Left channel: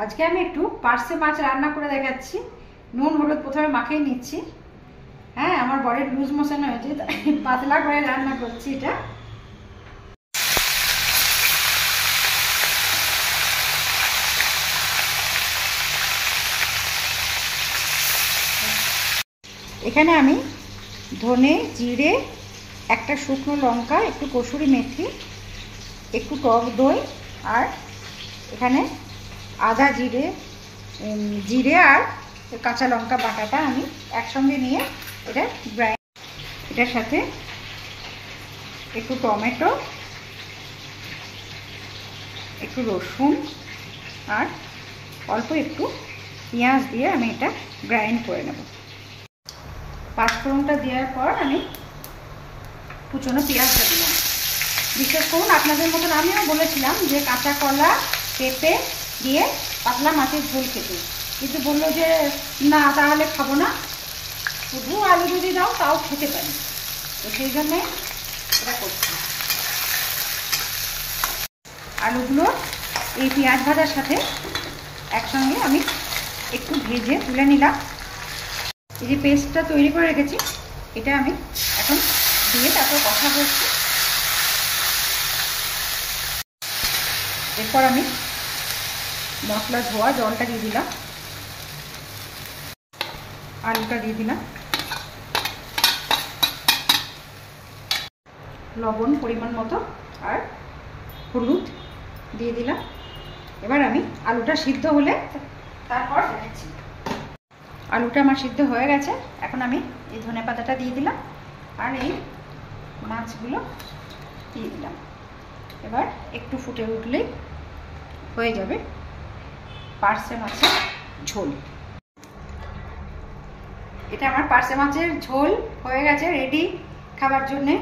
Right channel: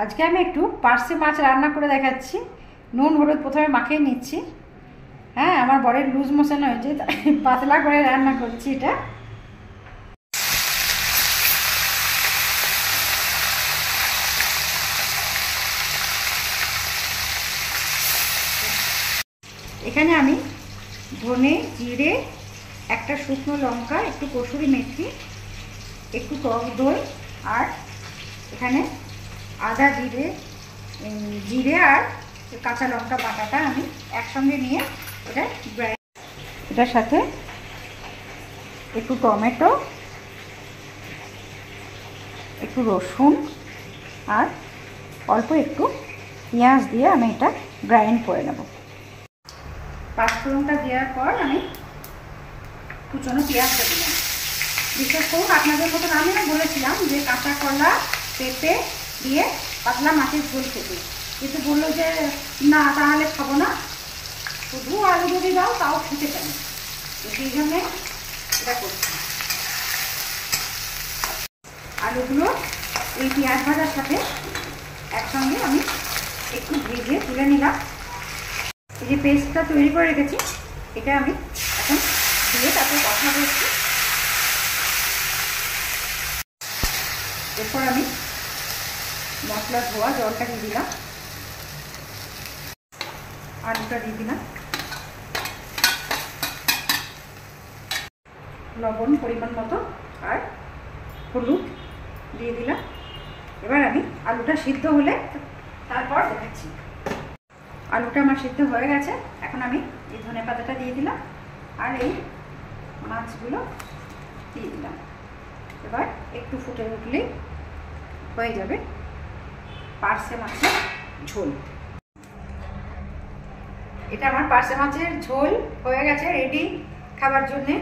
আজকে আমি একটু পার্সে মাছ রান্না করে দেখাচ্ছি। নুন হলুদ প্রথমে মাখিয়ে নিচ্ছি। হ্যাঁ, আমার বরের লুজ মোশন হয়েছে, তাই পাতলা করে রান্না করছি। এটা এখানে আমি ধনে, জিরে, একটা শুকনো লঙ্কা, একটু কসুরি মেথি, একটু টক দই, আর এখানে আদা জিরে আর কাঁচা লঙ্কা বাটাটা আমি একসঙ্গে নিয়ে এটা এটার সাথে একটু টমেটো, একটু রসুন আর অল্প একটু পেঁয়াজ দিয়ে আমি এটা গ্রাইন্ড করে নেব। পাঁচফোড়নটা দেওয়ার পর আমি কুচনো পেঁয়াজটা দিলাম। বিশেষ করুন আপনাদের মতন আমিও বলেছিলাম যে কাঁচা কলা পেঁপে দিয়ে পাতলা মাছের ঝোল খেতে, কিন্তু বললো যে না, তাহলে খাবো না, শুধু আলু যদি দাও তাও খেতে পারি। তো সেই জন্যে এটা করছি। আলুগুলো এই পেঁয়াজ ভাজার সাথে একসঙ্গে আমি একটু ভেজে তুলে নিলাম। এই যে পেস্টটা তৈরি করে রেখেছি, এটা আমি এখন দিয়ে তারপর কষা করছি। এরপর আমি মশলা ধোয়া জলটা দিয়ে দিলাম, আলুটা দিয়ে দিলাম, লবণ পরিমাণ মতো আর হলুদ দিয়ে দিলাম। এবার আমি আলুটা সিদ্ধ হলে তারপর দেখাচ্ছি। আলুটা আমার সিদ্ধ হয়ে গেছে। এখন আমি এই ধনেপাতাটা দিয়ে দিলাম আর এই মাছগুলো দিয়ে দিলাম। এবার একটু ফুটে উঠলেই হয়ে যাবে পার্সে মাছের ঝোল। এটা আমার পার্সে মাছের ঝোল হয়ে গেছে, রেডি খাবার জন্যে।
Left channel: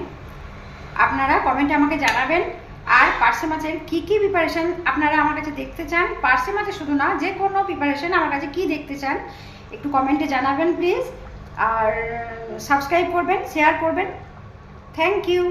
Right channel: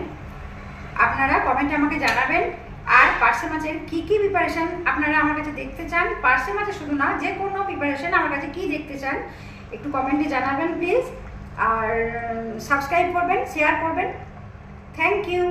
আপনারা কমেন্টে আমাকে জানাবেন। আর পার্সে মাছের কি কি প্রিপারেশন আপনারা আমার কাছে দেখতে চান, পার্সে মাছের শুধু না, যে কোনো প্রিপারেশন আমার কাছে কি দেখতে চান একটু কমেন্টে জানাবেন প্লিজ। আর সাবস্ক্রাইব করবেন, শেয়ার করবেন। Thank you.